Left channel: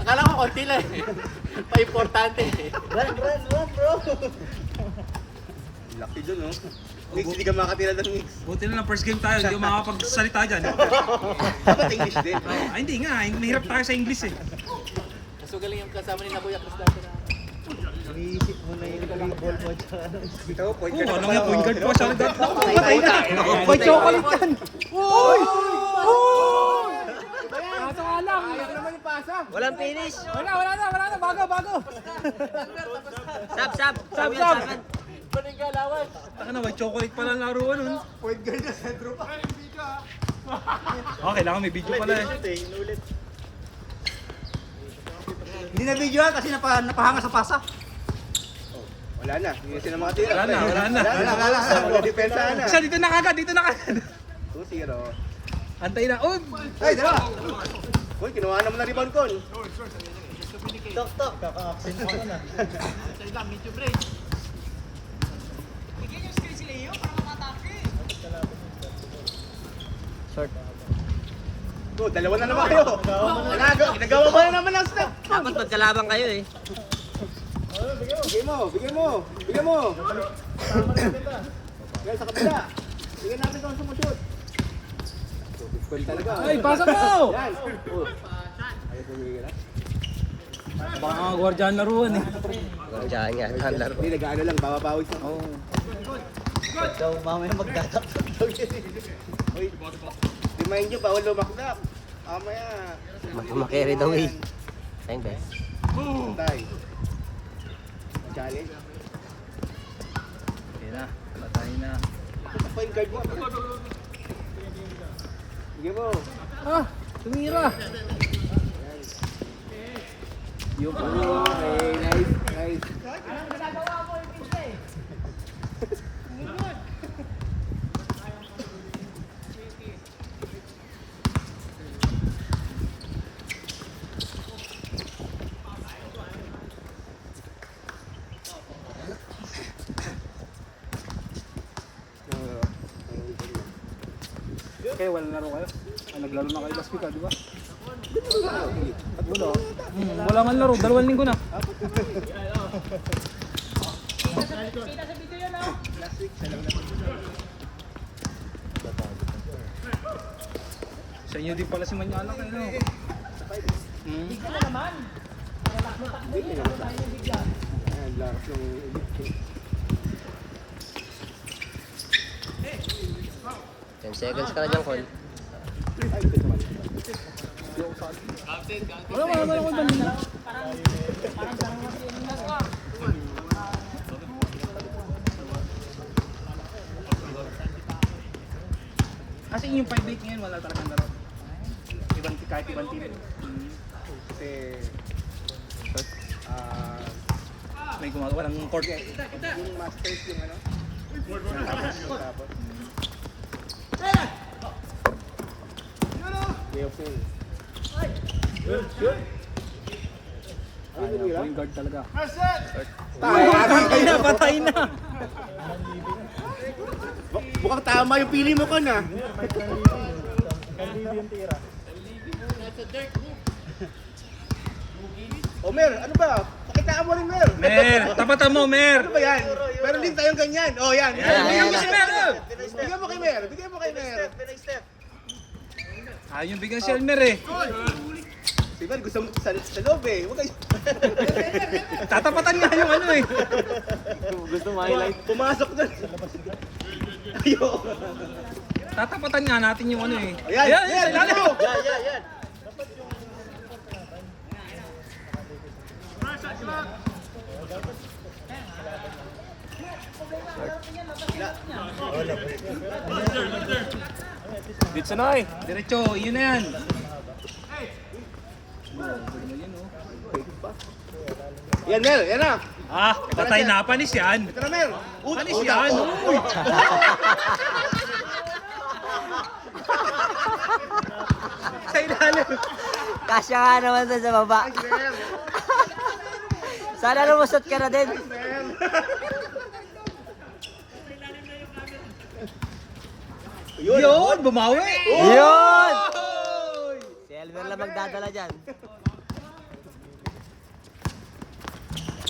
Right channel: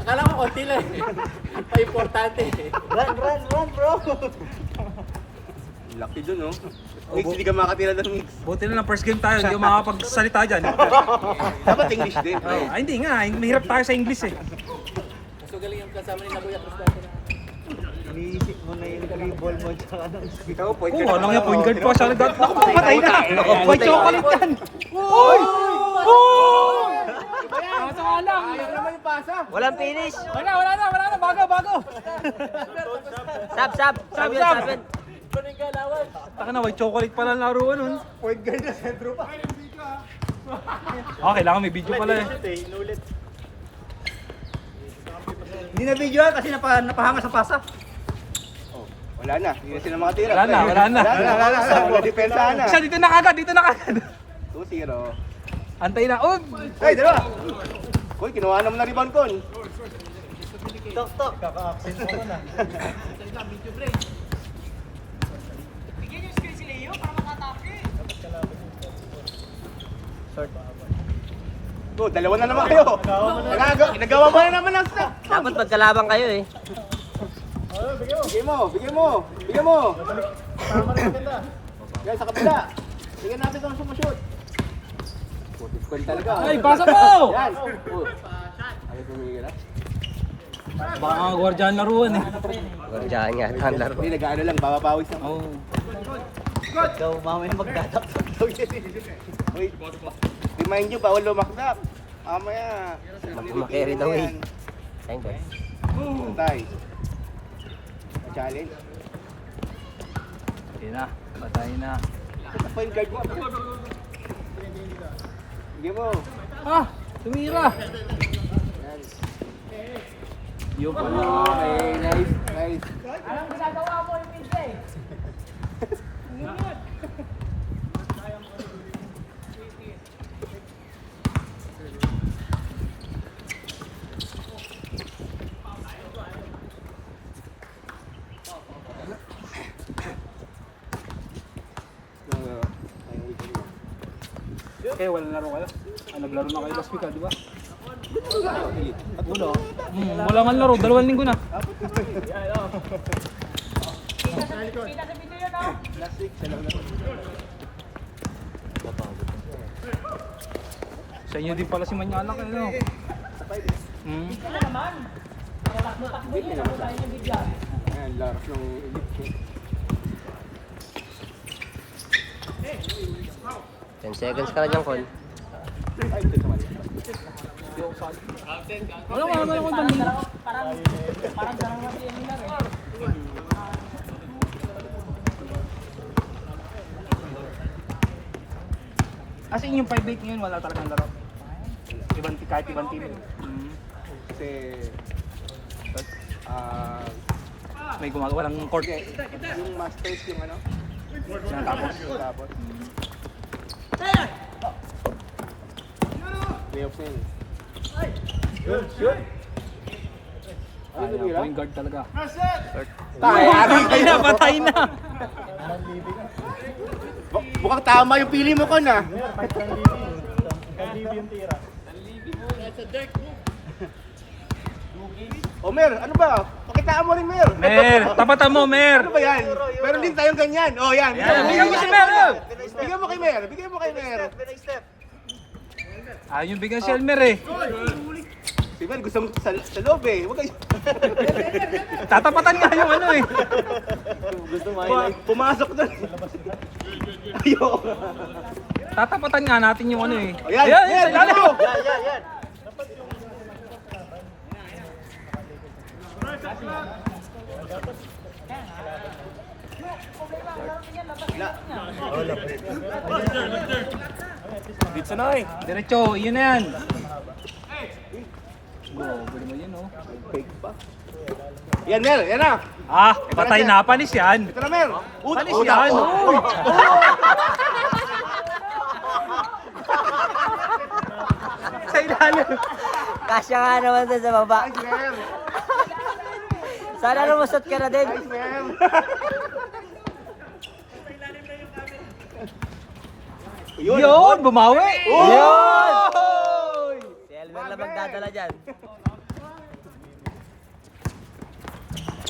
Akala ko konti lang eh. Pa-importante eh. Run, bro! Laki dun, no? Mix, hindi ka makatira ng mix. Buti na lang first game tayo, hindi ako makakapagsalita dyan. Dapat English din. Ay, hindi nga, mahirap tayo sa English eh. Mas magaling yung kasama ni Nakuya Cristiano na. Iniisip mo na yung ball mo tsaka ano. Kita ko, point. Oo, alam niya, point guard pa sa lagat. Naku, patay na! Point chocolate yan! Uy! Pasa ka lang! Walang finish! Wala na, bago! Sab yun. Kuning galawan. Taka na, white chocolate pala ang laruan nun. Point guard na, sentro pa. Kailangan may video pala eh. Hindi na video kasi napahanga sa pasa. Wala na, hindi sila makatira. Wala na. Wala, depensa na. Isa, dito na kagad. 2-0. Antay na, Ay, dalawa! Uy, kinuha naman na rebound ko. Stop. Short. Dalawa na naman kayo. Nagawa pa na naman ang step. Dapat magkalaban kayo eh. Bigyan mo. Guys, sa kabila. Bigyan natin itong sumushoot. Putis talaga. Ay, pasa mo! Yan. Ay, kumigil na. Baka mga gwardiyan laruan eh. Diyan yan, laro. Hindi, nag-ano lang, babapawis lang. So, mamaya magtatak. Remind nyo, bawal lumakdak. Mamaya. Makarry the way. Thank guys. Tay. Challenge. Patay na. Point guard mo. Bigyan mo. Tumira! Nice. Okay, wala laro kayo. Naglaro na kayo last week di ba? Wala man laro, 2 linggo na. Sa inyo din pala si Manyanak, ano? Ayan, lakas ng elite. 10 seconds ka na dyan, Col. Kasi yung 5-8 ngayon, wala talagang laro. Kahit ibang team. Kasi, May gumagawa ng court. yung masters yung ano. Tapos. Leopold. Point guard talaga. Patay na! Mukhang tama yung pili mo ka na. That's a dirt move. O Mer, ano ba? Pakitaan mo rin Mer. Mer, tapatan mo, Mer! Ano ba yan? Meron din tayong ganyan. O yan. Bigyan mo si Mer! Bigyan mo kay Mer. Ayun yung bigyan si Elmer eh. Si Mer gusto mo sa loob eh. Huwag kayo. Tatapatan nga yung ano eh. Gusto mo highlight? Pumasok na. Ayo. Tatapatan nga natin yung ano eh. Ayan, Sa ilalim. Dito na eh. Diretso, yun na yan. Gano'n mo yun oh. Yan Mer, yan na. Patay na, panis yan. Ito na Mer. Panis yan. Uy! Sa ilalim. Kasya nga naman doon sa baba. Sana lumusot ka na din. Yun, bumawi. Yun! Si Elmer lang magdadala. Dala dyan.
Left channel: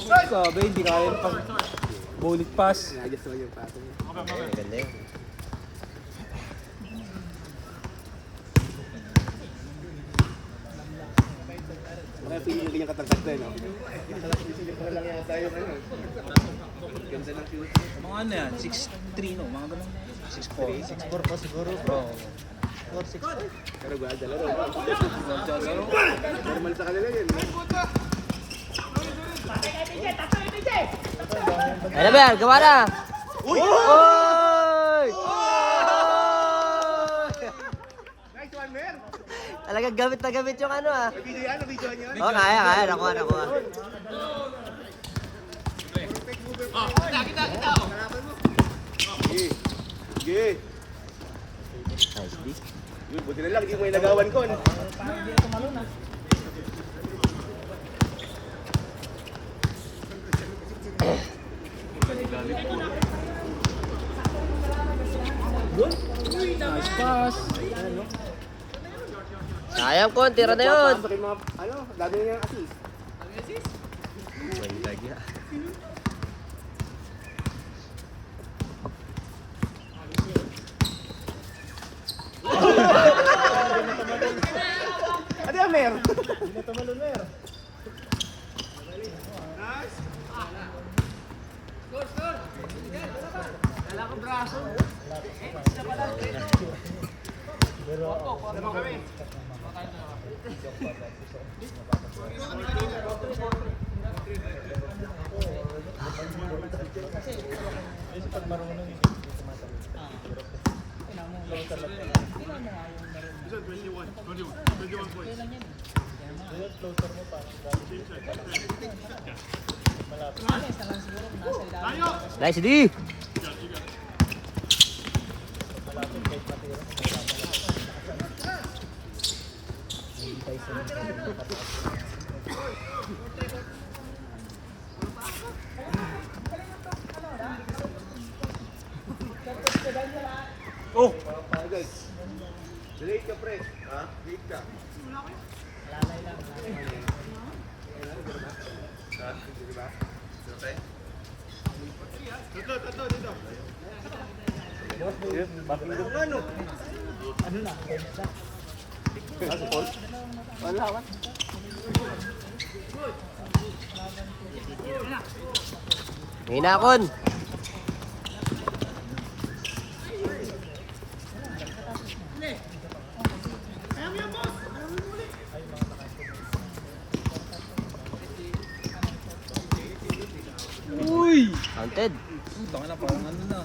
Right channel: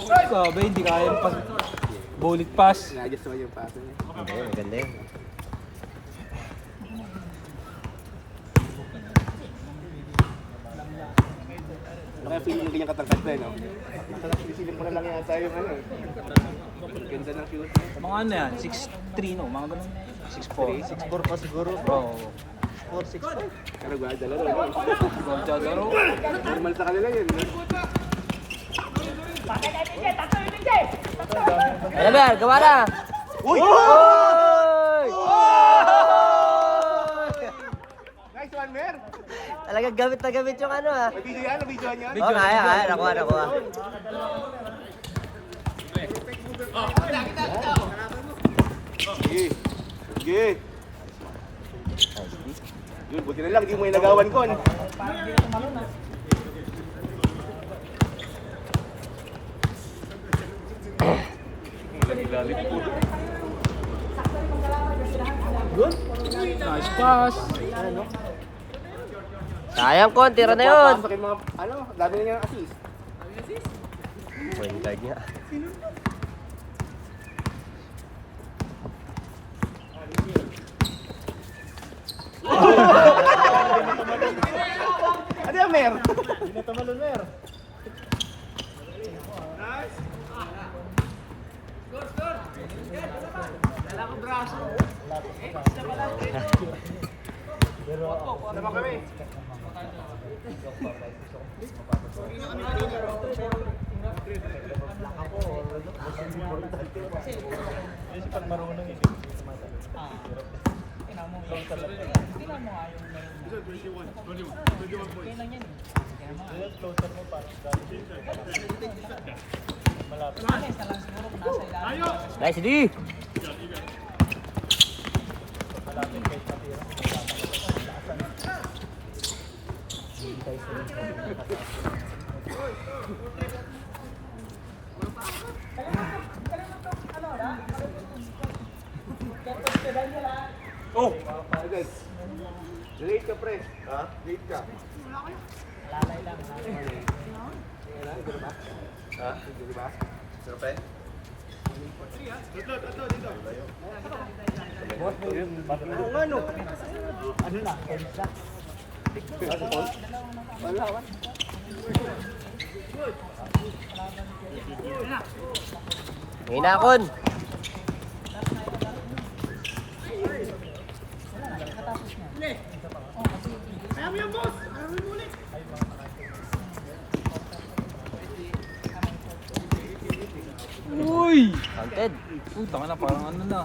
Sabi, hindi kaya pa. Bowling pass. Nagis naman yung pato. Ganda yun. Mga feeling yung ganyan katagtag ko no? Isipin mo na lang yata yung ano. Ganda ng flow. Mga ano yan, 6'3 no? Mga ganun. 6'4. 6'4 pa siguro. Oo. 4'6 pa. Pero ba, dalawa. Magdadaro. Normal sa kanila yun. Ano ba yan? Gawa na! Uy! Oy! Nice one, Mer! Talagang gamit na gamit yung ano ah. Video yan, video yan. Oo, kaya. Nakuha. Sige. Sige. Yun, buti na lang, hindi mo yung nagawan ko. Nice pass. Sayang ko, tira na yun. Papasok yung mga, ano, dami na yung assist. Point guard niya. Ano yan, Mer? Naman kami. Nice D! Oh! Okay. Wait ka, pre. Ha? Wait ka. Ha? Di ba? Sir, pre? Ito, dito. Ano? Wala ka? Hinakon! Uy! Counted. Uy, tanga na, parang ano na.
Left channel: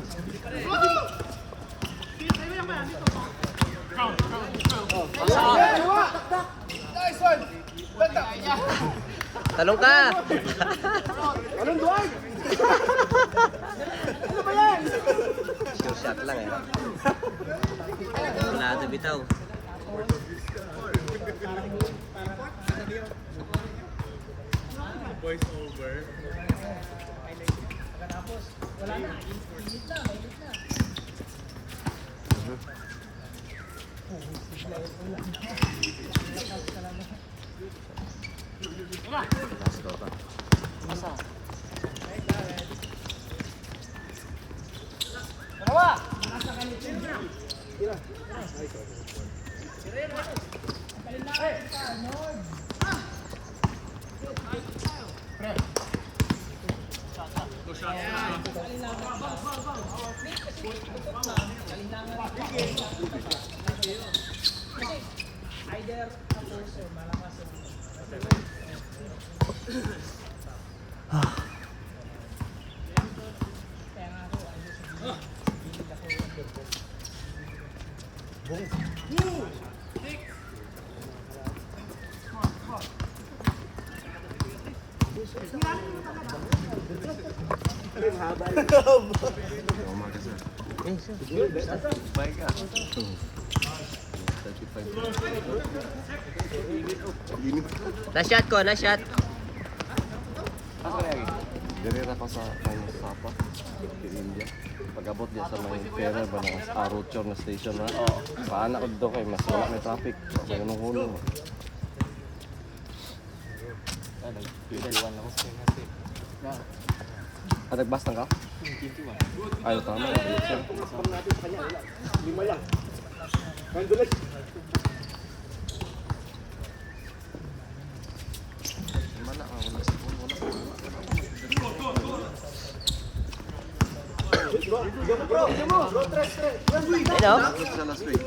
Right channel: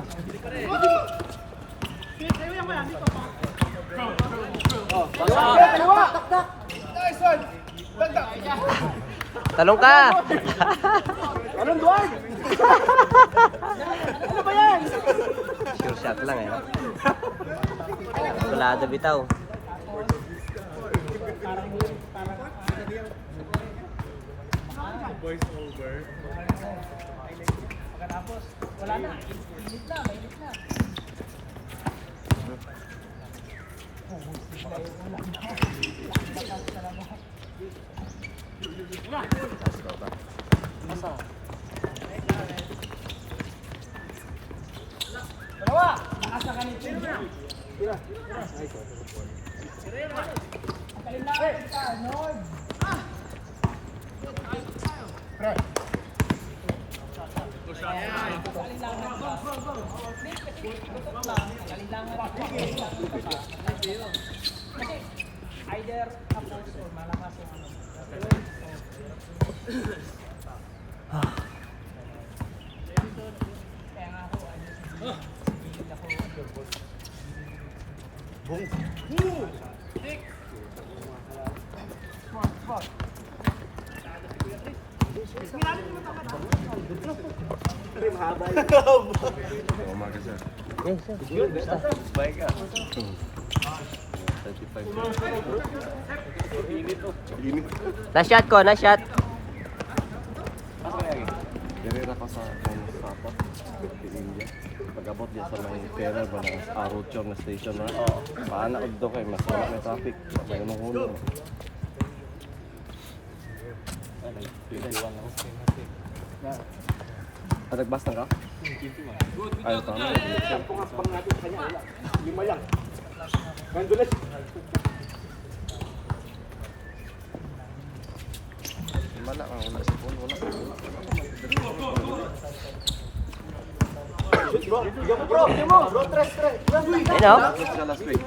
Talong ka! Anong Dwight? Sure shot lang eh. Kulado bitaw. Nice shot ko, nice shot. Direra ko sa may Sapa, sa India. Pag-abot niya sa may Ferrer ba na Aruchor na station na. Paana ko doon kayo, mas wala na traffic. Sa unang hulong. At nagbastang ka? Ayaw tama. Mana ang wala sa phone? Wala. Ano? Tapos sa last week.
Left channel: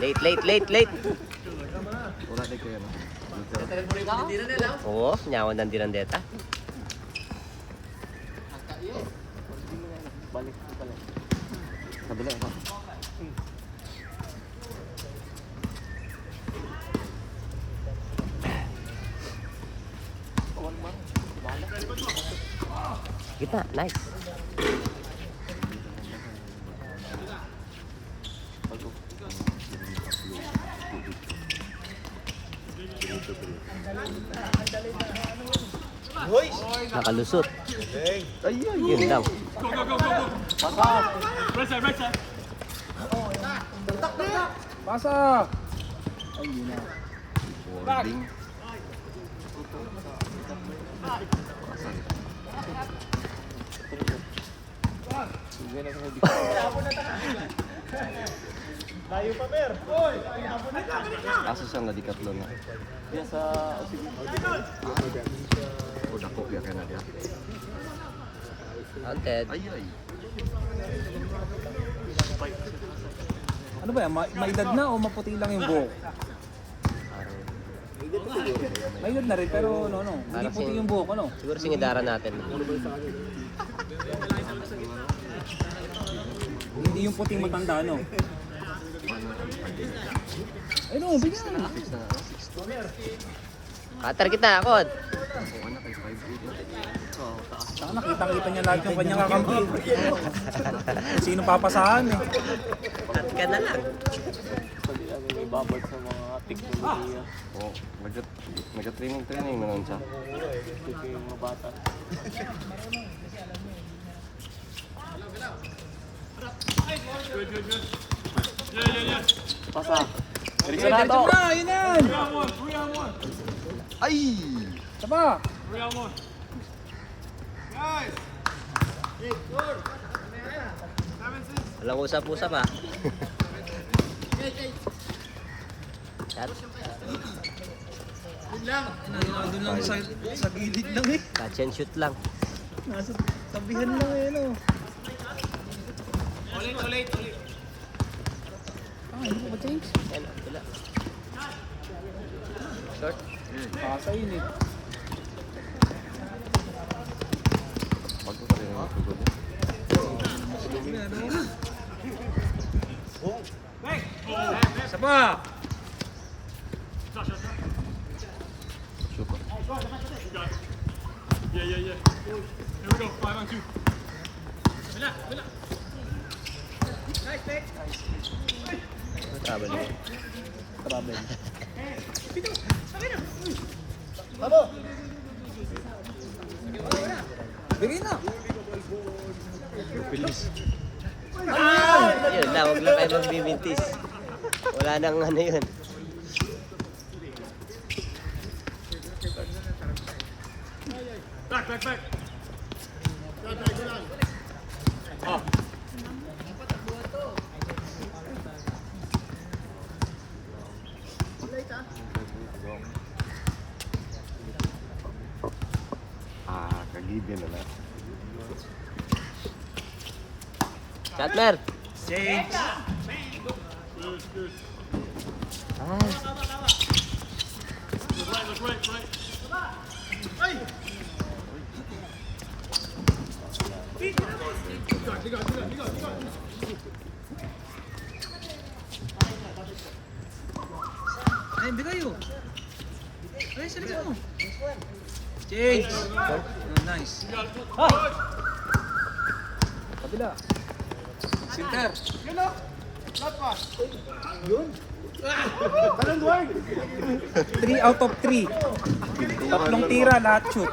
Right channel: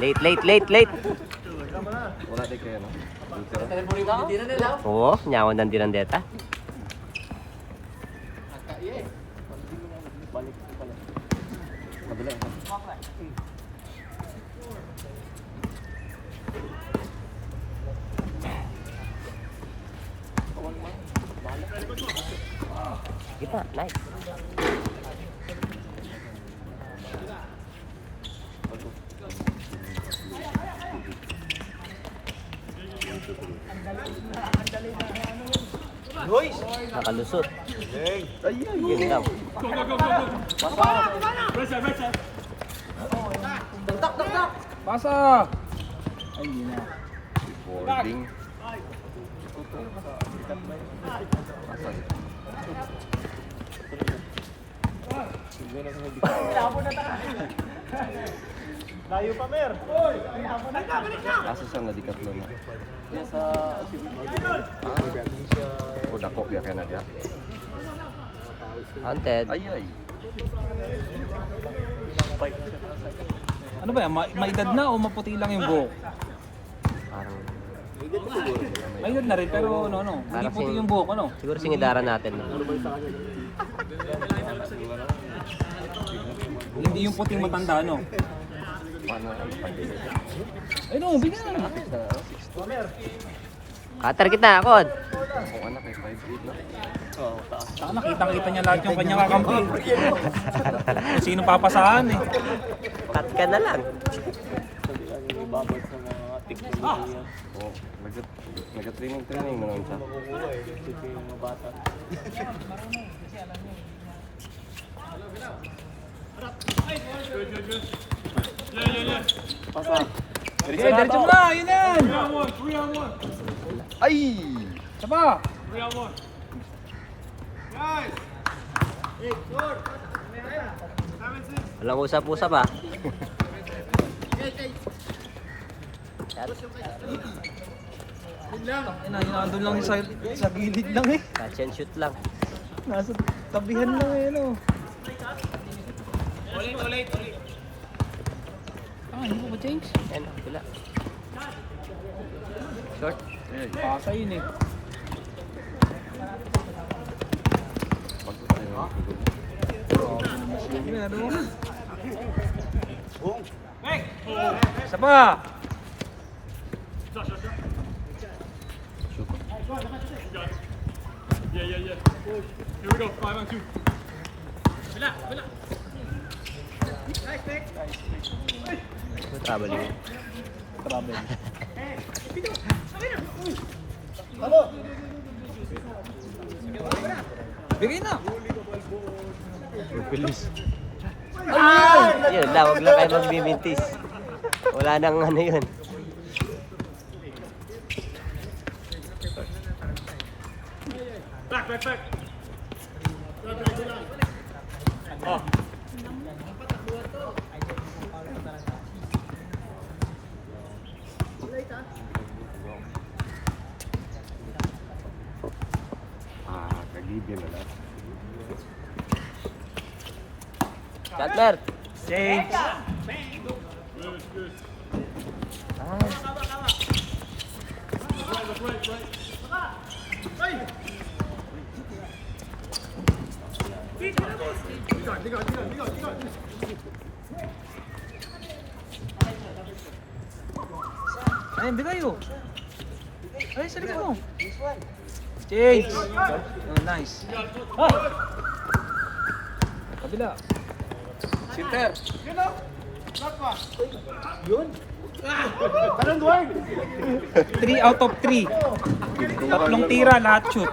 Late. Wala din kayo, no? Oo, nyawan ng dinandeta. Kabila ito. Kita, nice. Nakalusot. Yun daw. Pasa! Boarding. Pasal. Asa siya na dikatlo na? O dako biya kaya na dia? Haunted. Ay. Ano ba yan? Maedad na o maputi lang yung buhok? Maedad na rin pero ano, hindi puti yung buhok, ano? Siguro singidaran natin. Hindi yung puting matanda, ano? Mana ang pagdili? Ano, bigyan na. Fix na 6 Atar kita, Akon. Kung anak ay 5'8 na. Nakita niya lahat yung kanyang kakampi. Sino papasahan eh. Cut ka na lang. Ibabag sa mga teknolohiya. O, nag-training na lang siya. Ito yung mga bata. Pasa. Eh, diretso mo na, yun yan! Ay! Saba! Walang usap-usap ah. Nandun lang sa gilid lang eh. Catch and shoot lang. Nasa tabihan lang yun oh. Ulit. Ah, hindi ba change? Pasa yun eh. Bagus na yung siguro. Sige na doon. Saba! Bigay na! Ayun lang, huwag lang kayo magbibintis. Wala nang ano yun. Kagibin na lang. Cutler! Change! Ayun, bigay yun. Ay, sarili mo. Change! Oh, nice. Kabila. Center. 3 out of 3. Tatlong tira, lahat shoot.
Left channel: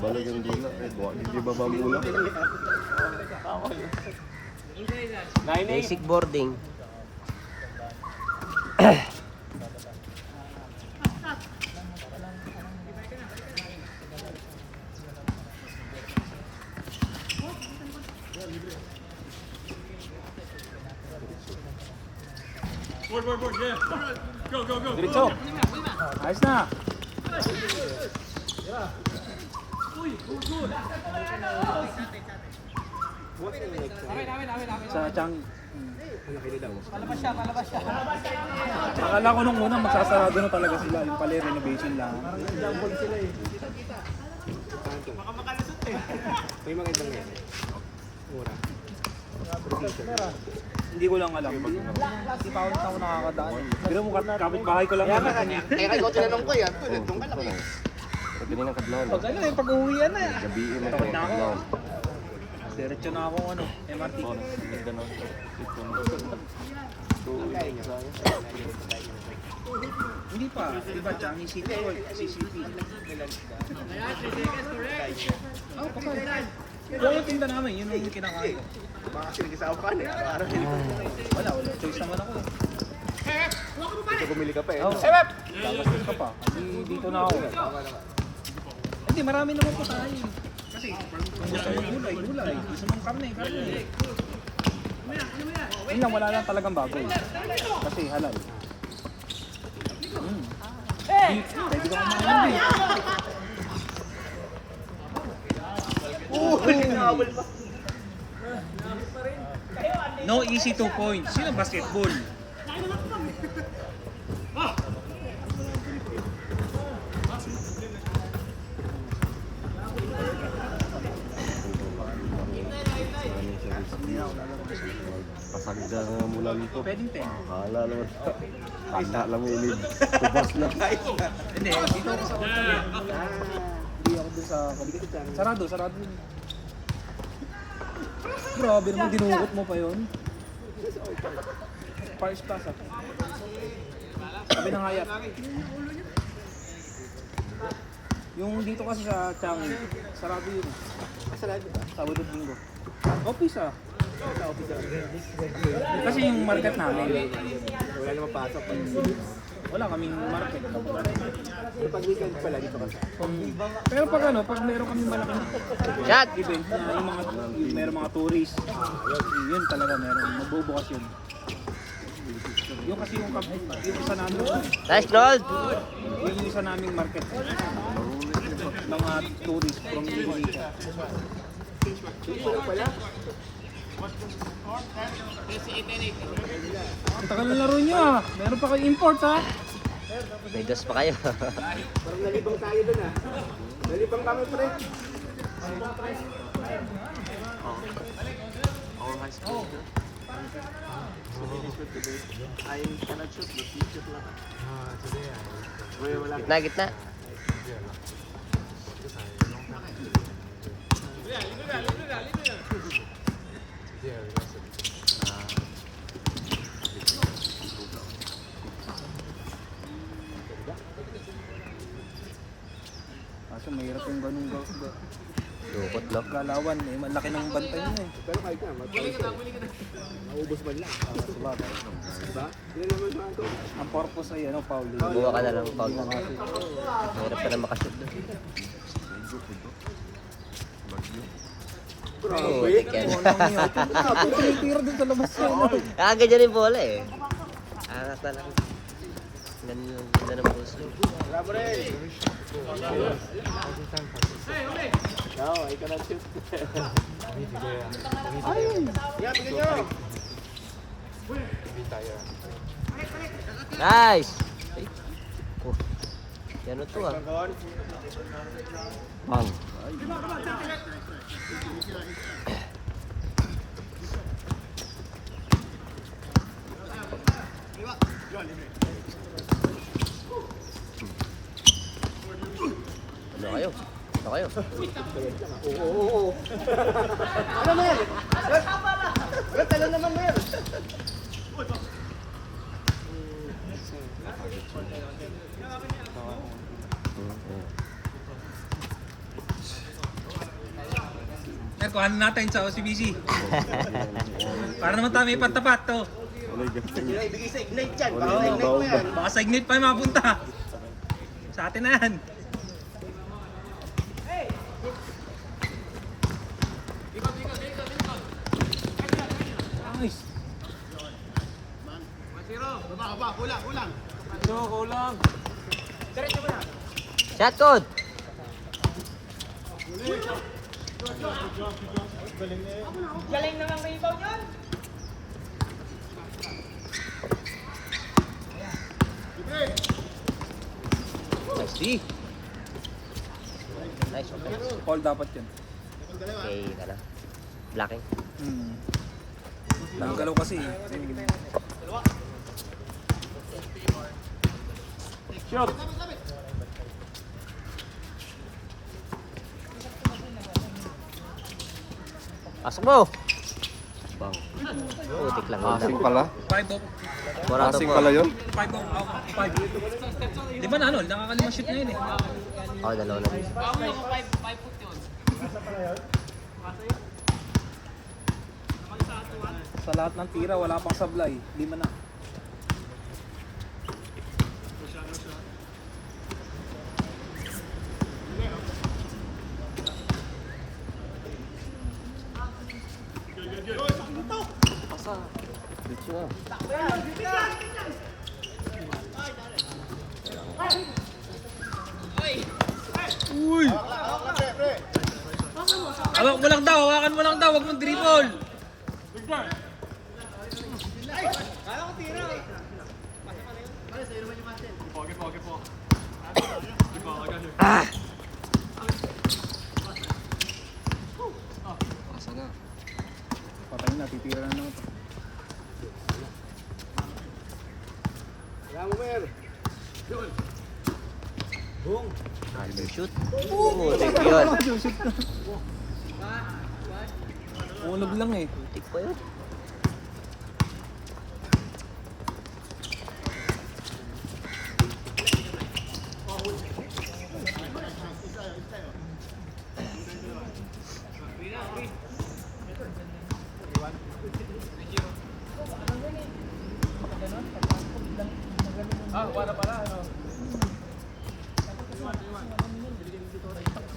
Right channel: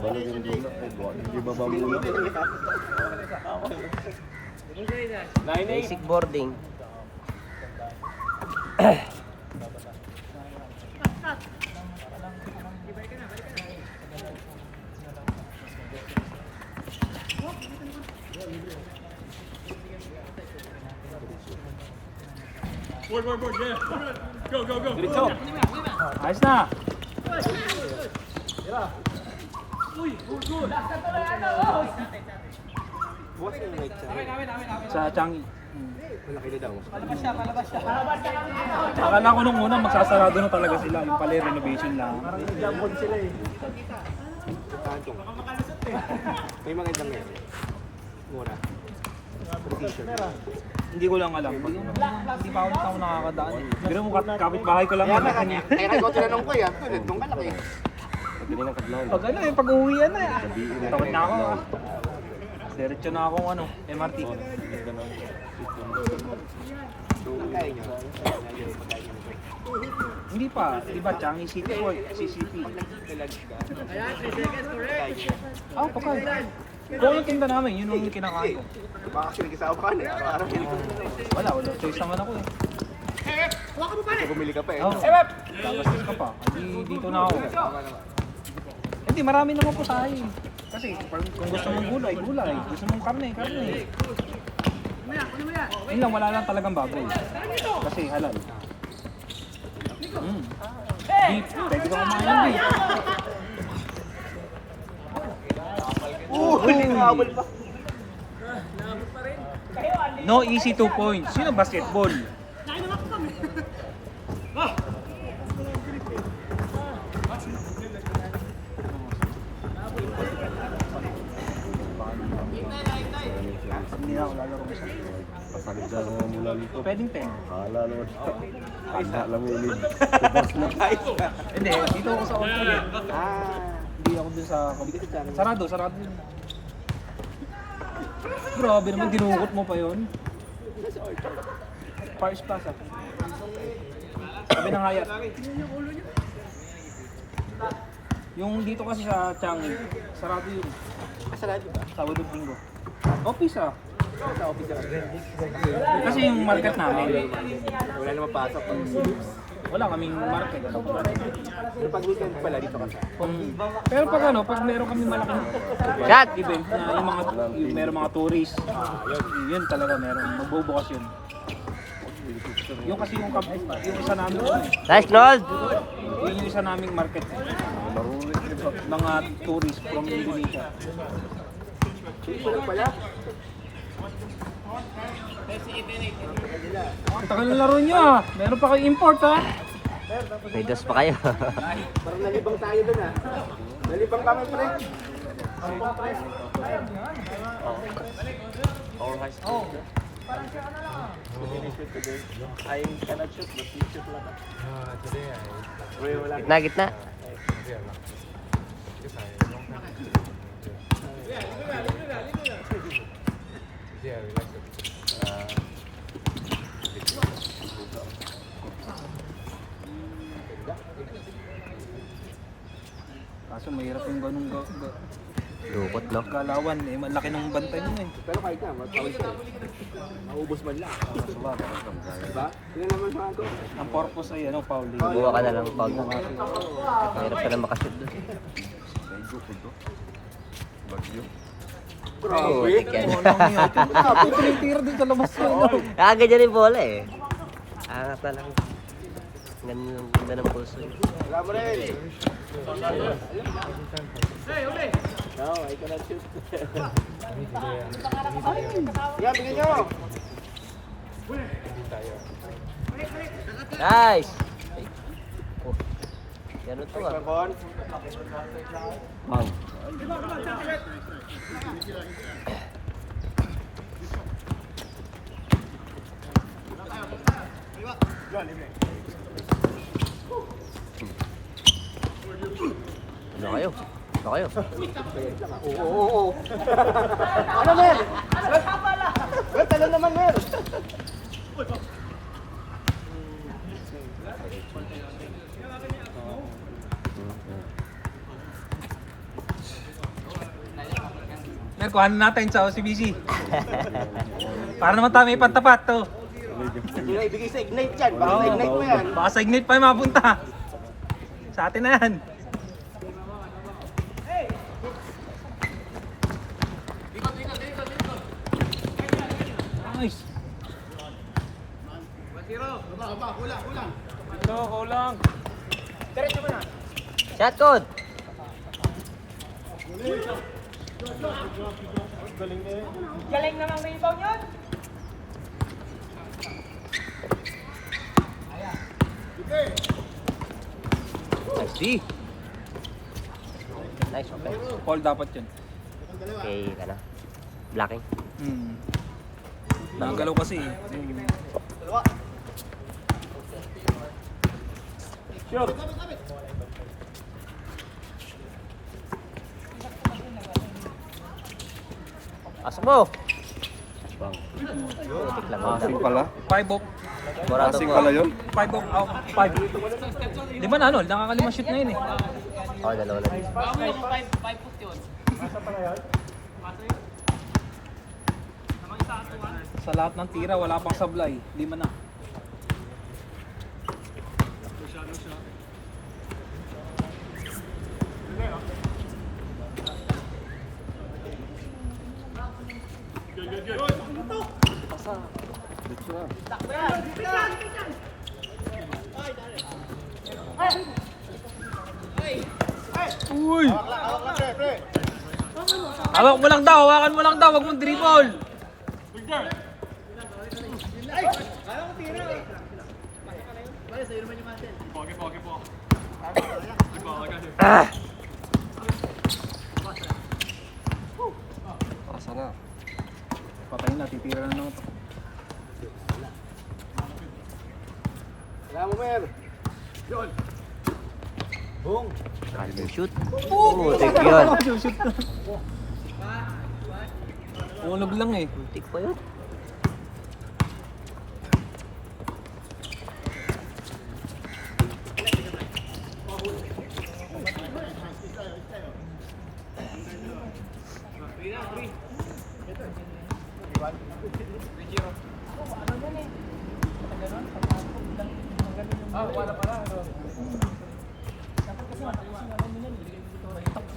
Balik yung dula. Hindi baba muna. Basic boarding. Diretso. Ayos na. Sa Changi. Akala ko nung una magsasarado na talaga sila, yung pala renovation lang. May mga ibang yan. Mura. Hindi ko lang alam. Hindi pa ako nakakadaan. Pero mo kapit-bahay ko lang yun. Kaya ko tinanong ko yan. Nung kalaki. Pwede nga kadlaw na. Pag ano yung pag-uwian na. Gabiin na Tawid na ako. kadlaw. Diretso na akong ano, MRT. Hindi pa. Diba, Changi City World, CCP. Ah, pakal. Kung yung tinda namin, yun yung kinakain ko. Baka kasi hindi sa upan. Wala, choice naman ako. Bumili ka pa eh. Dito pa. Dito na ako. Hindi, marami naman po tayo. Kasi kung gusto mong gulay, gulay. Gusto mong karne, karne. Yun lang, wala lang talagang bago. Kasi halal. Beef, pwede ko kumain ng beef. No easy 2 points. Sino basketball? Hindi na ako lalaro. Pasalit na mga mula dito. Pwedeng 10. Kala naman siya. Agna lang yung ilid. Tubas na. Hindi, dito ako sa hotel. Hindi ako dun sa computer. Sarado, sarado yun. Grabe naman, dinukot mo pa yun. First class ako. Sabi ng hayat. Yung dito kasi sa Changi, sarado yun. Sabado Linggo. Office ah. Kasi yung market namin, Wala naman pasok. wala kaming market. Pag weekend pala dito ka. Pero pag ano, pag meron kami malaking event na yung meron mga tourist, yun talaga meron, magbubukas yun. Yung kasi yung isa namin, Nice, Claude! yung isa naming market, Maruli. mga tourist from Indonesia. Ang tagal ng laro nyo ah, meron pa kayo import ah. May dos pa kayo. Parang nalibang tayo dun ah. Nalibang kami pre. All high school. So many shoot today. I cannot shoot, but you shoot lang. Wait, wala. Gitna, gitna. Kaso mahirap yung ganun Lukot lang. galawan eh, malaki ng bantay nun eh. Pero kahit na, matawag ka. Naubos man lang. Diba? Yun naman sa akin. Ang purpose ay ano, fouling. Buwa ka na lang. Pangit ka na makashoot. Bagyo po to. Bagyo. Grabe. Grabe, tinitira dun sa labas yan. Ganyan yung bola eh. Talaga. Ganyan yung ganda ng pulso eh. No, I cannot shoot. Wala, bigay nyo. Nice! Oh. Gano'n to ah. Man. Ano kayo? Ano kayo? Oo. Ano Mel? Well, talo naman Mel. Kuhanin natin sa OCBC. Para naman tayo may pantapat to. Ibigay sa Ignite yan. Baka sa Ignite mo yan. Baka sa Ignite pa yung mapunta. Sa atin na yan. Nice. Shot code! Si. Nice. Paul dapat yun. Eh, ano? Blocking. Nagalaw kasi eh. Pasok mo! Bang. Putik lang. Passing pala. 5 off. Dorado Passing po. pala yun. 5 off out. 5. Di ba na ano? Nakakalimang shoot na yun eh. Oh, dalawa lang. Sa lahat ng tira, wala pang sablay. 5 na. Dito na. Uy! Hawakan mo lang daw, wag mong dribble. Pasa na. Patay na, titira na naman. Wala mo, Mer. Shoot. Putik yun. Ulog lang eh. Putik pa yun.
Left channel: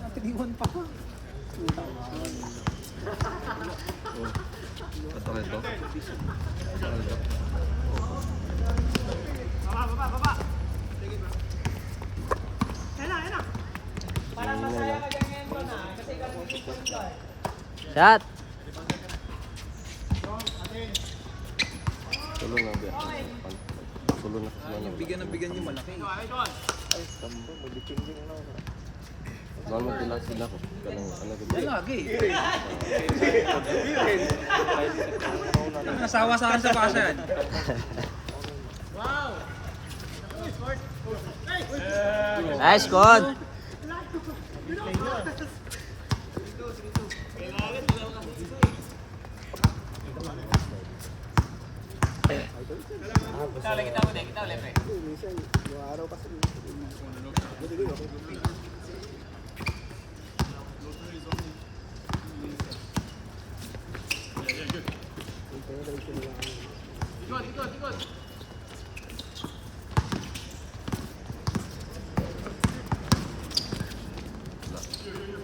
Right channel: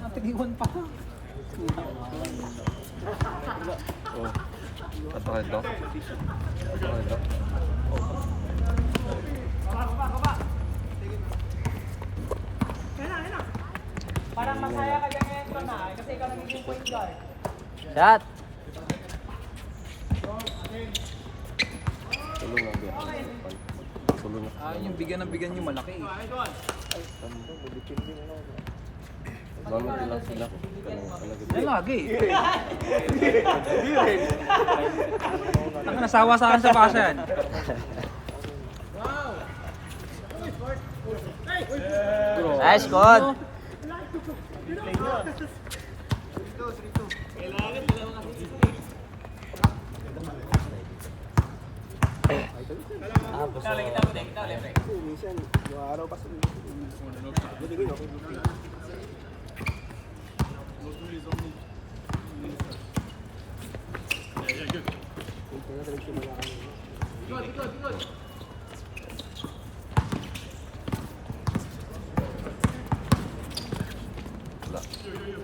Natigiwan pa ko. Oh. Ito ka ito. Ito ka ito. Shot. Tulong na biya. Tulong na. Bigyan yung malaki. Mamad din lang sila ko. Yan lagi. Nasawa sa akin sa basa yan. Nice code.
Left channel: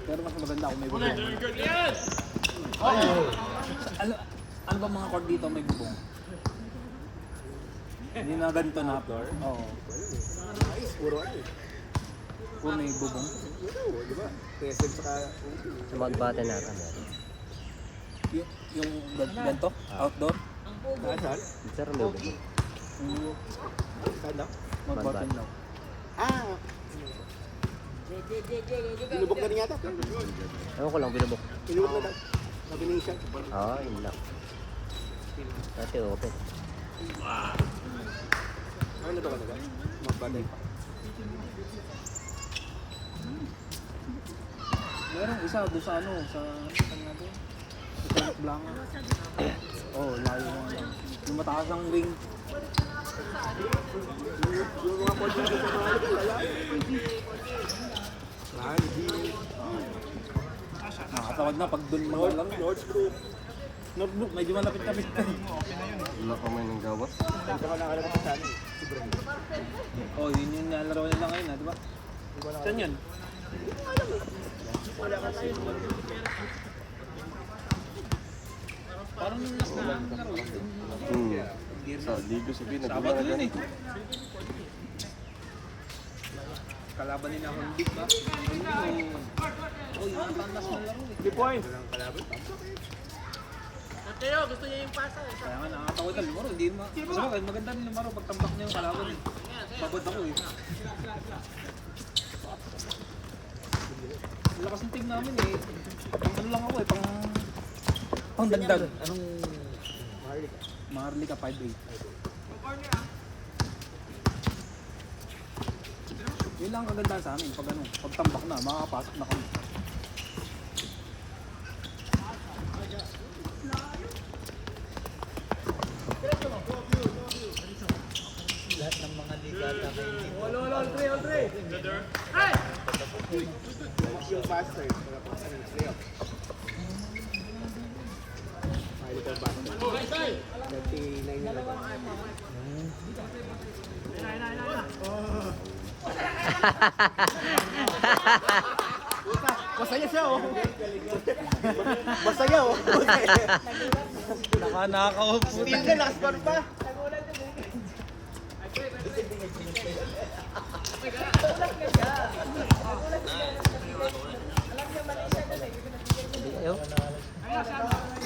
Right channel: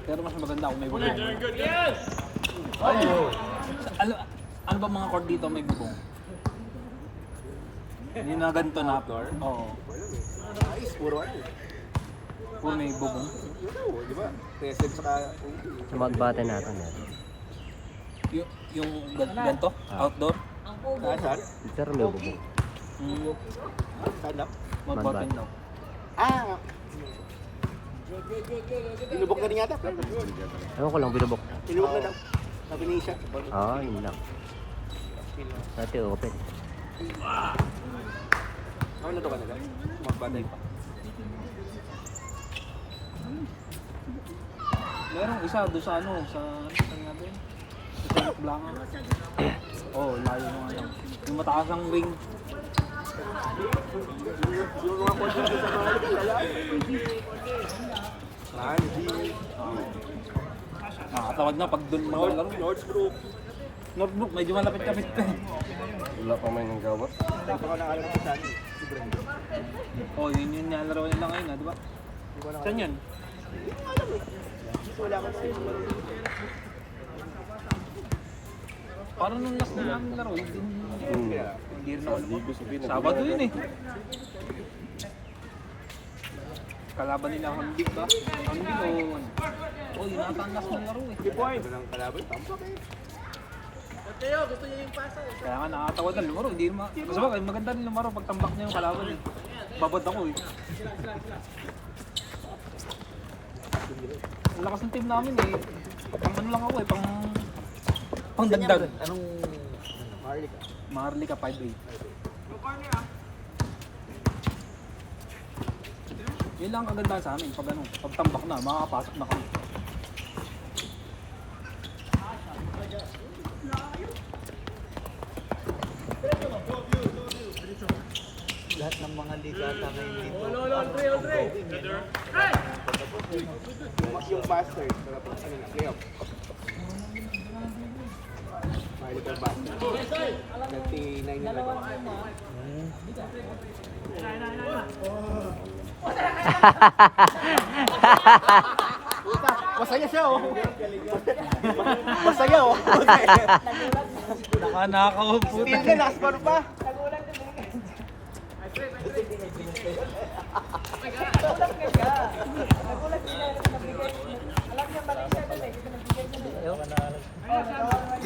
Pero mas maganda kung may bubong. Ano ba mga court dito may bubong? Hindi na ganito na floor? Oo. Kung may bubong. Magbate natin. Yung ganito? Outdoor? Pero may bubong. Magbate na. Binubok na rin yata. Ano ko lang binubok? Binubok na. Nakinisya. Yun lang. Dati open. Ano na ito ka na? Magbanday pa. Meron isa doon sa ano, sa kanya ba yun? Sa Tulok Blanca. Oh, layo ng ano. Yung mataas ang wing. Tawag niya pag doon mo lang. Notebook, medyo malapit-lapit ka. Wala pa may nang gawas. Oh, yun yung nalaro nila ngayon, di ba? Saan yun? Parang nung last na laro yun. Sa ligo sa Pilipinas. Sabado yun eh. Kalaban nila akong big ba? Oh, yun ang tanas ng laro eh. 3 points. Kaya nga nakakatawa na lumaro, hindi naman. Mas maganda rin lumaro pag tambak na yung kalaban. Babad ako eh. Ang lakas ng team namin eh. Pang ano lang ako eh, pang dagdag. Anong Maharlika 5-8. Yun lang ang ganda sa amin, pag ano, pag tambak na, makakapasok na kami. Yung faster. Masaya siya oh. Masaya oh. Nakakaupo. Still na last bar pa.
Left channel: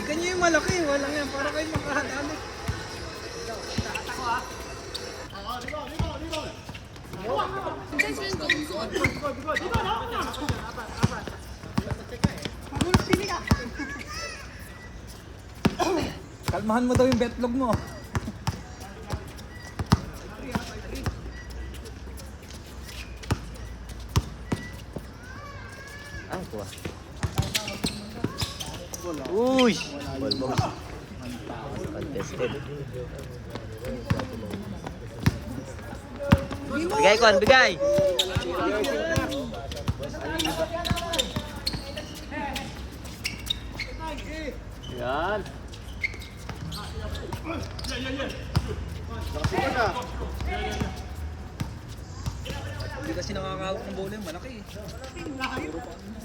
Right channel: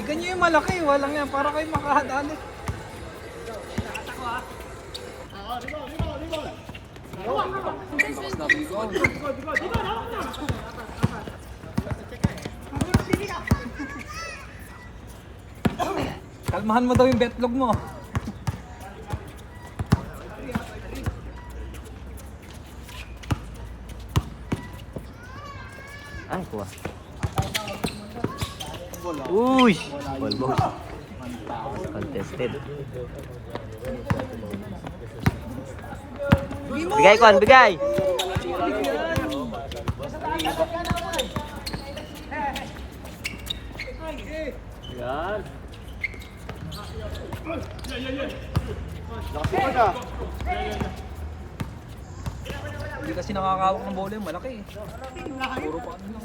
Ganyan yung malaki, walang yan, para kayo makahadali. Kalmahan mo daw yung betlog mo. Uy! Contested. Bigay kon, bigay! Yan. Hindi kasi nakakawak ng bola yung malaki eh. Puro pa ano.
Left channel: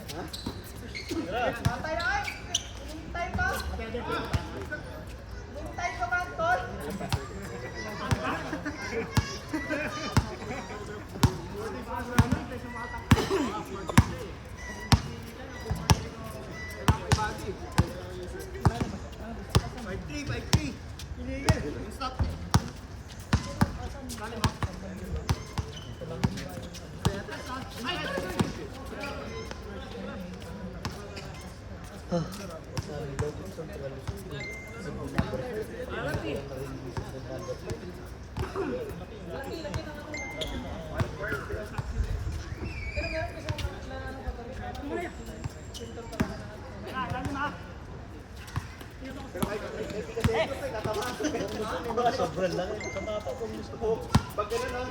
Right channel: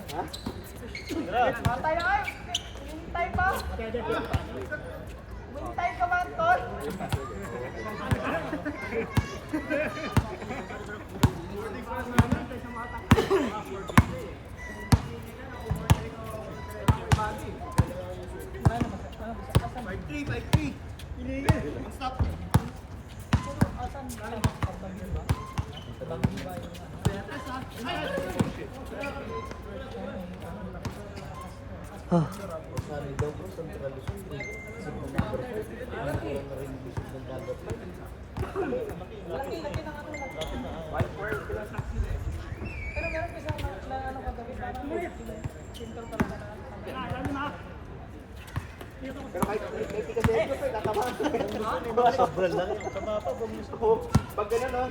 Pag gano'n no,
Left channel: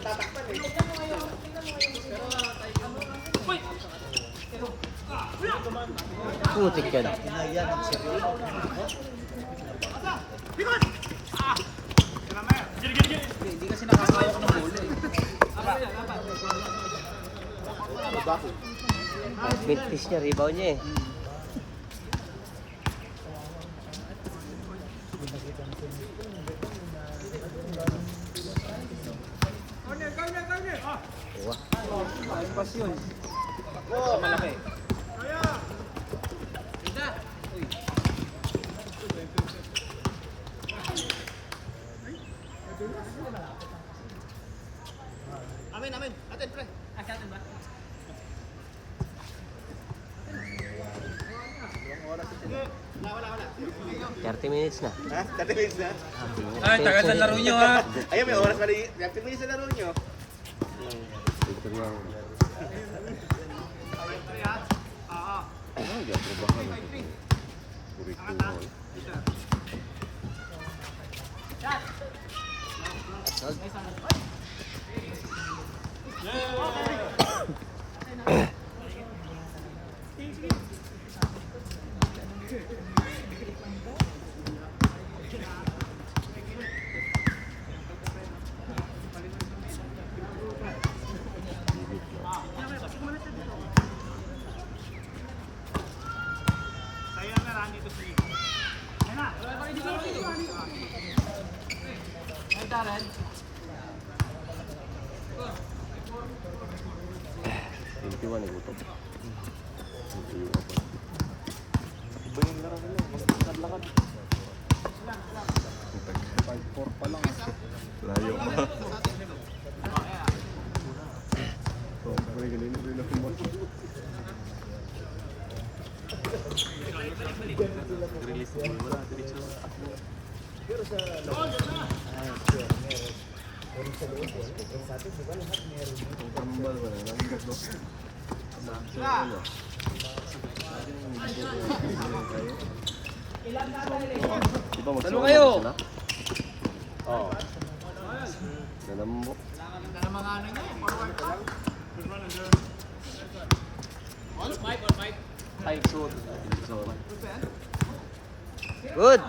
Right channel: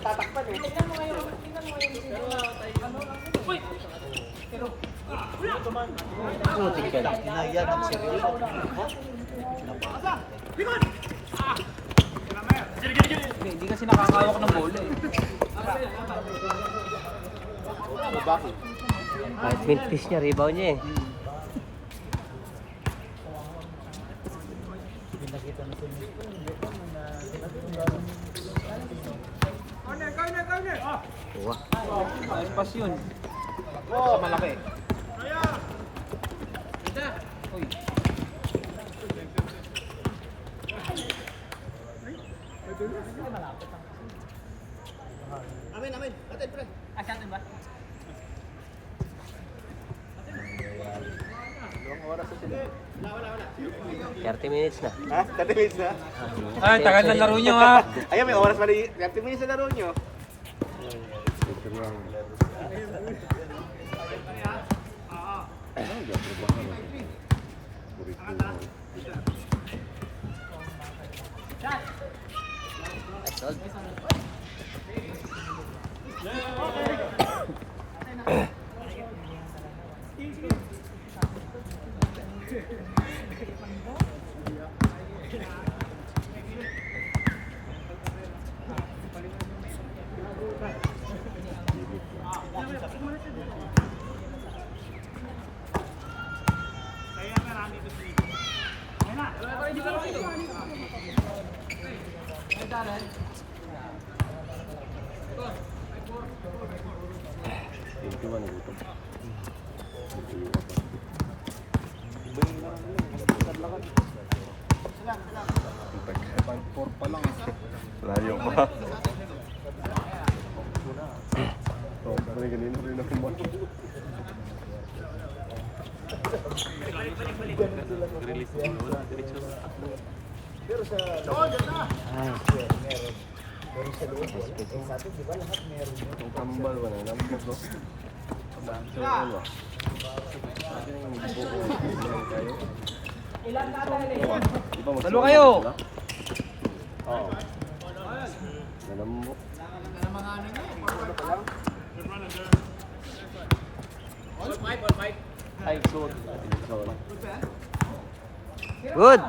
tatakpan eh. Putik yan. Hindi kasi nakakawak ng bola eh. Mintis niya, rebound niya eh. Ayun pas yun. Sa malaki. Uy. Amin, amin. Atin, pre. Atin ba? 30 minutes na. Ha? 30 minutes na? Ay, tagal na laro nyo ha. Ayun, may oras mali. 30 minutes na laro nyo. Ito lang. Layo pa. So, balik kanina rin ako mo. Release mo wala diretso. Ang tambal ba na? Nalibot no? So, ano? Kayo? Dalo kayo! Oo. Nalambo. Ay, short. Good.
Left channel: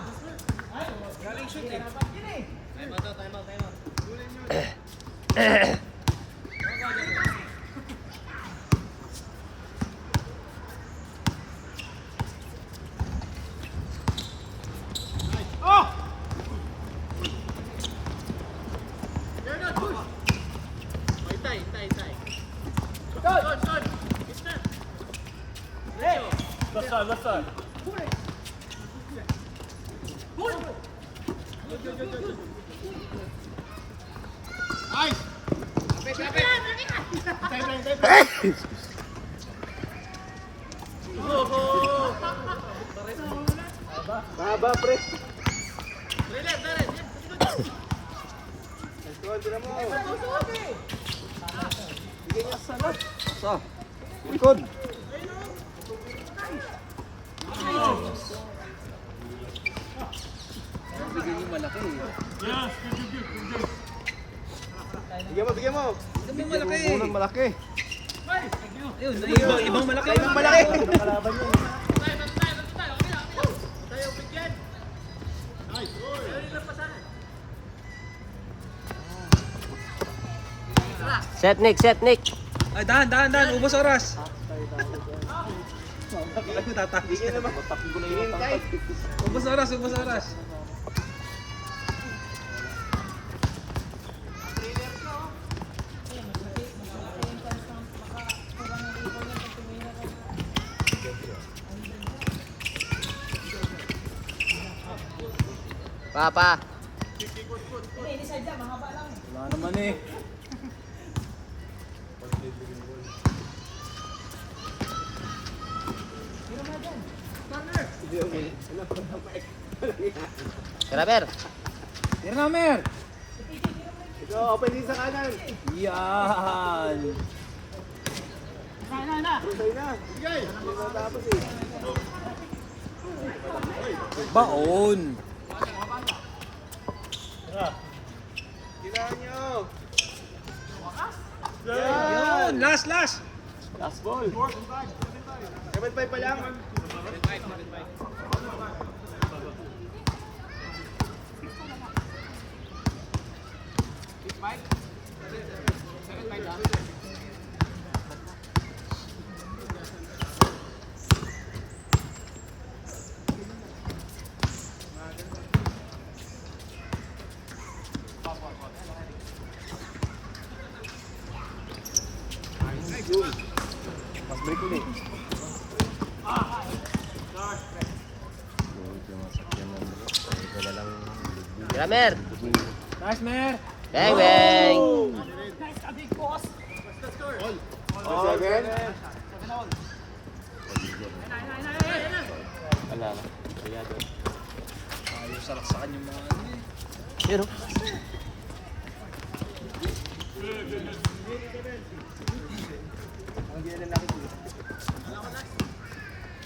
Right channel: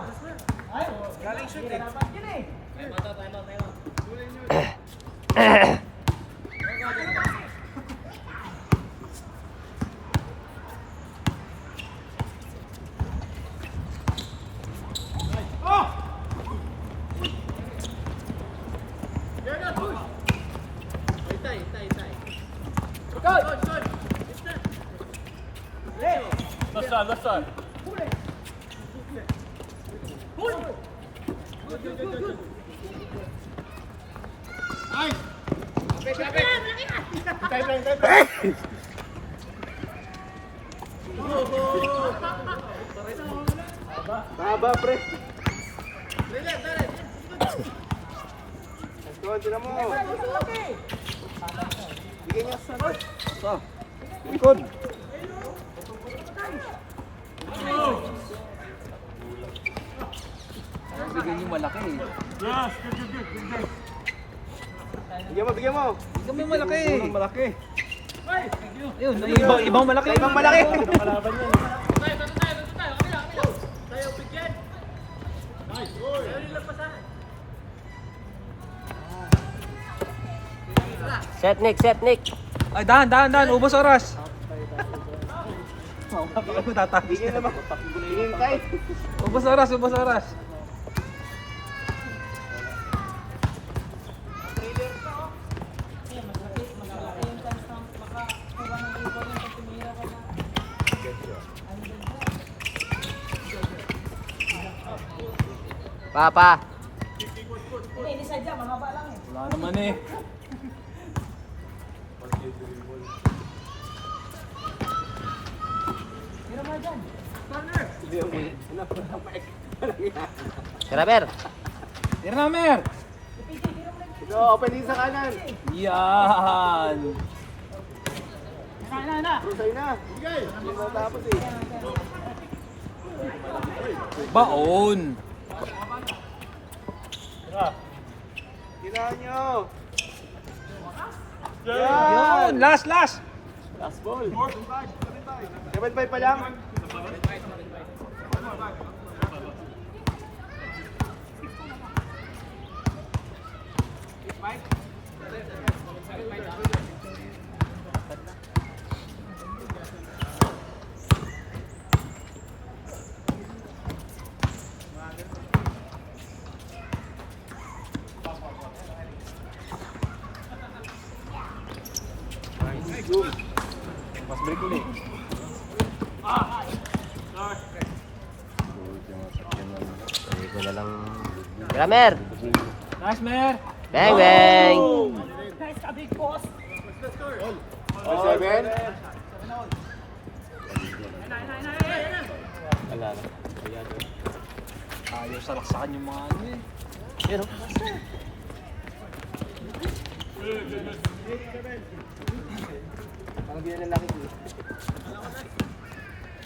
Likod! Bigyan mo. Kami malaki. Unang malaki. Ayun, ibang malaki. Ibang malaki. Set Nick, set Nick. Ay, dahan. Ubos oras. Ako tatapos. Ubos oras. Papa. Wala naman eh. Graber. Tira na, Mer. Ito, open din sa kanan. Yan. Sa'yo na. Bigay. Hindi matapos eh. Baon. Tingnan nyo. Yun, last. Last ball. 7-5 pa lang. Gramer. Nice, Mer. Bang, bang. Oh, 7. Ayaw salaksakan yung mga ano eh. Pero, Ang hindi na lang ito.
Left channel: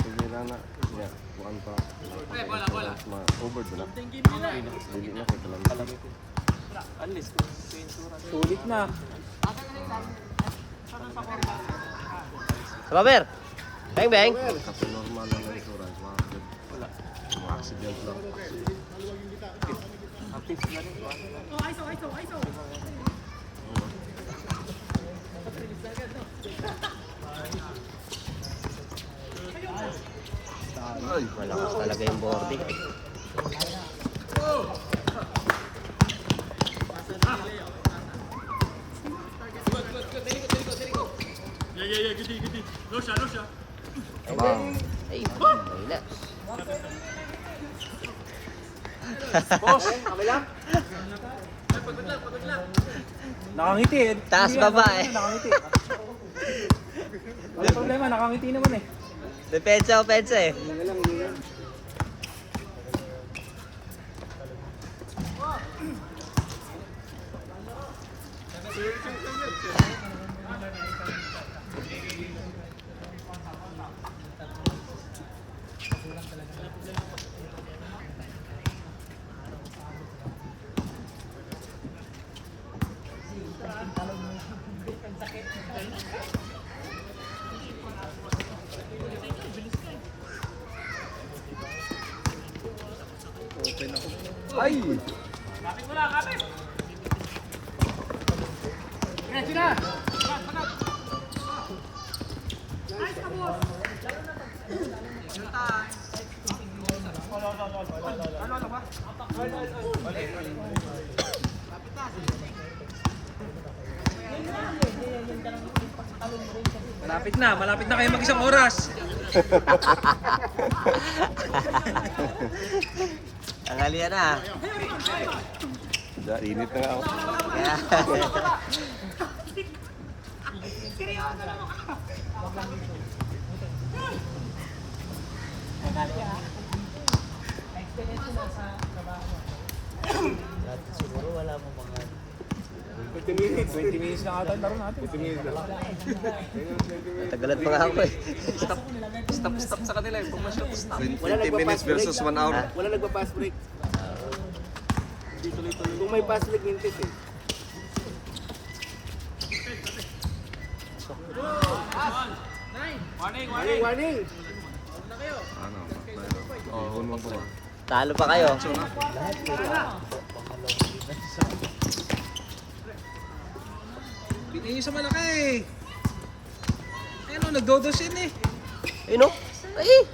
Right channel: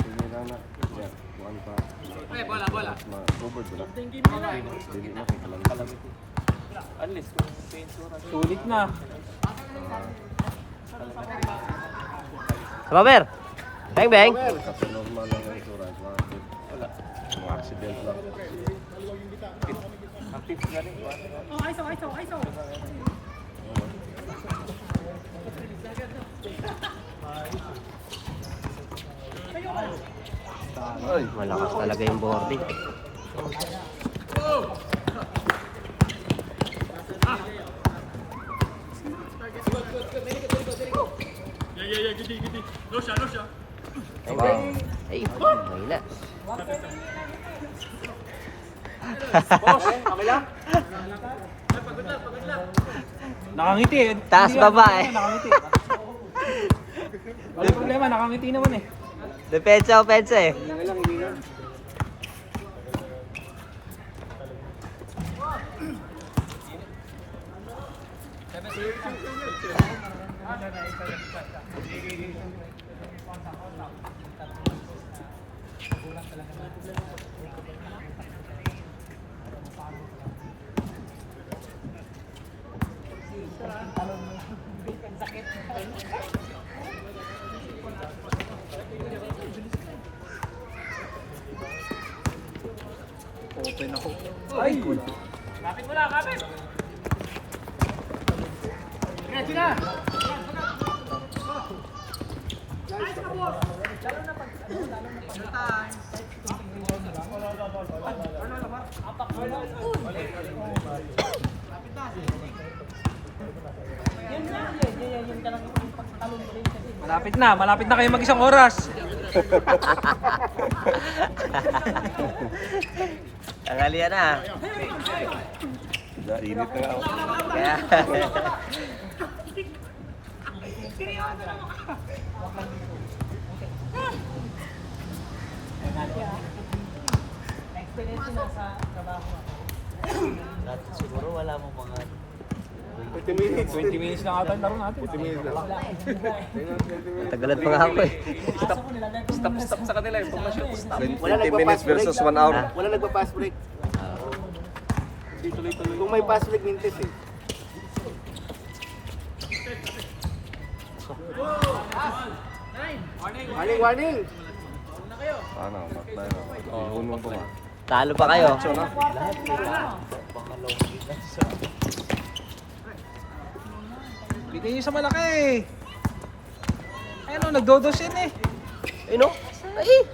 Sige na na. Yeah, kuhaan pa. Bola. Over dila. Dili na kay kalang. Unless kung sensura. Sulit na. Robert. Bang, bang. Kasi normal lang ang insurance. Wala. Mga accident lang. Ang tips na rin. Ay! Talaga yung bote. Ay, wala. Nakangiti eh. Taas Hindi baba ako- eh. Nakangiti. Wala problema, nakangiti naman eh. Depensa, opensa eh. Open ako. Malapit na kayo mag-isang oras. Tanghalian na. Init na ako. Siguro wala mong mga 20 minutes na ata ang laro natin. tagalan pa nga ako eh. Stop sa kanila eh. Pag ma-shot, stop. 20 minutes versus 1 hour. Wala nagpa-pass break. Hindi tuloy-tuloy. Kung may pass break, mintis eh. Warning! Ano, matay na. Ihunong ko nga. Talo pa kayo. Bitin nyo sa malaki eh. Ayun o, nagdodos yun eh. Ayun o. Ay!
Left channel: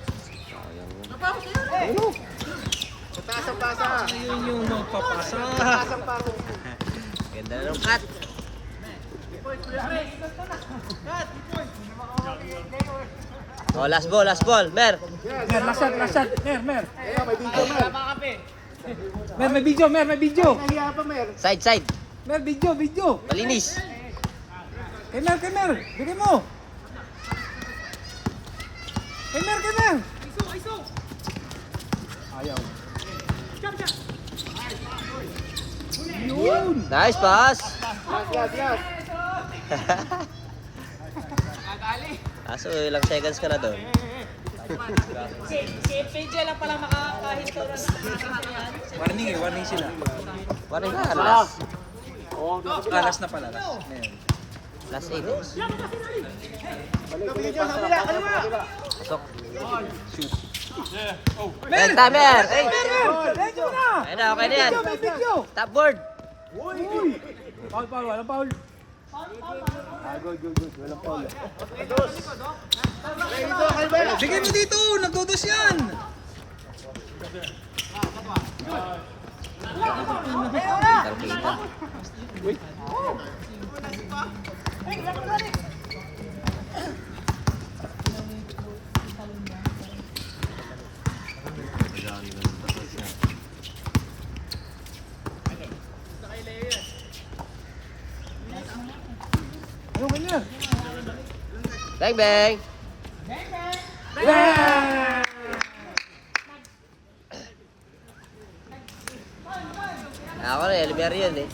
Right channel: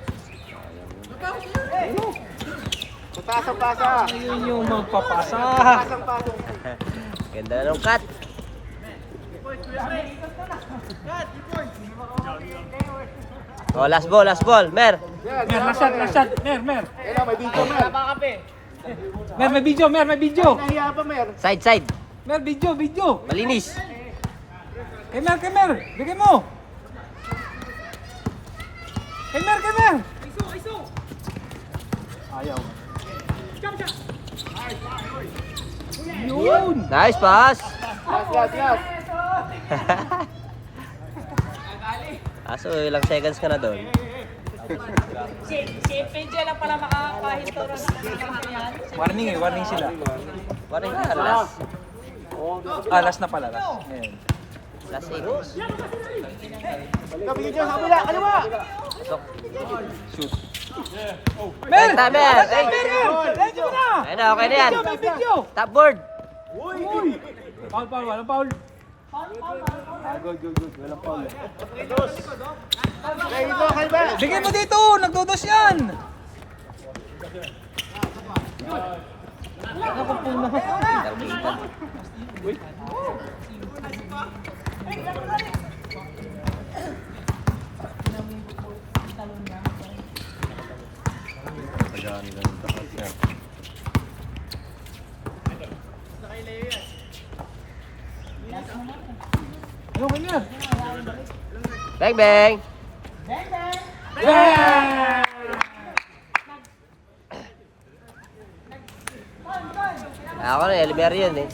Tasa-tasa! Ayun yung magpapasa. Ganda na ng cut. Oh, last ball, Mer. Mer, last shot. Mer. Kaya may video. Mer, may video. Nahiya pa, Mer. Side. Mer, video. Malinis. Kay Mer. Bigyan mo. Kay Mer. Iso. Ayaw. Yun. Nice pass. Last. Kaso ilang seconds ka na doon. Warning sila. Warning ka, last. Last na pala. Ayan. Last seconds. Video, kabila, kaliwa! Mer! Mer! Medyo na. Ayun na, okay na yan. Video. Top board. Paul. Bigyan mo dito, nagdodos yan. Tagaan nila ng takas niya. Ano ka niya? Bang! Ako na, Elimer yun eh.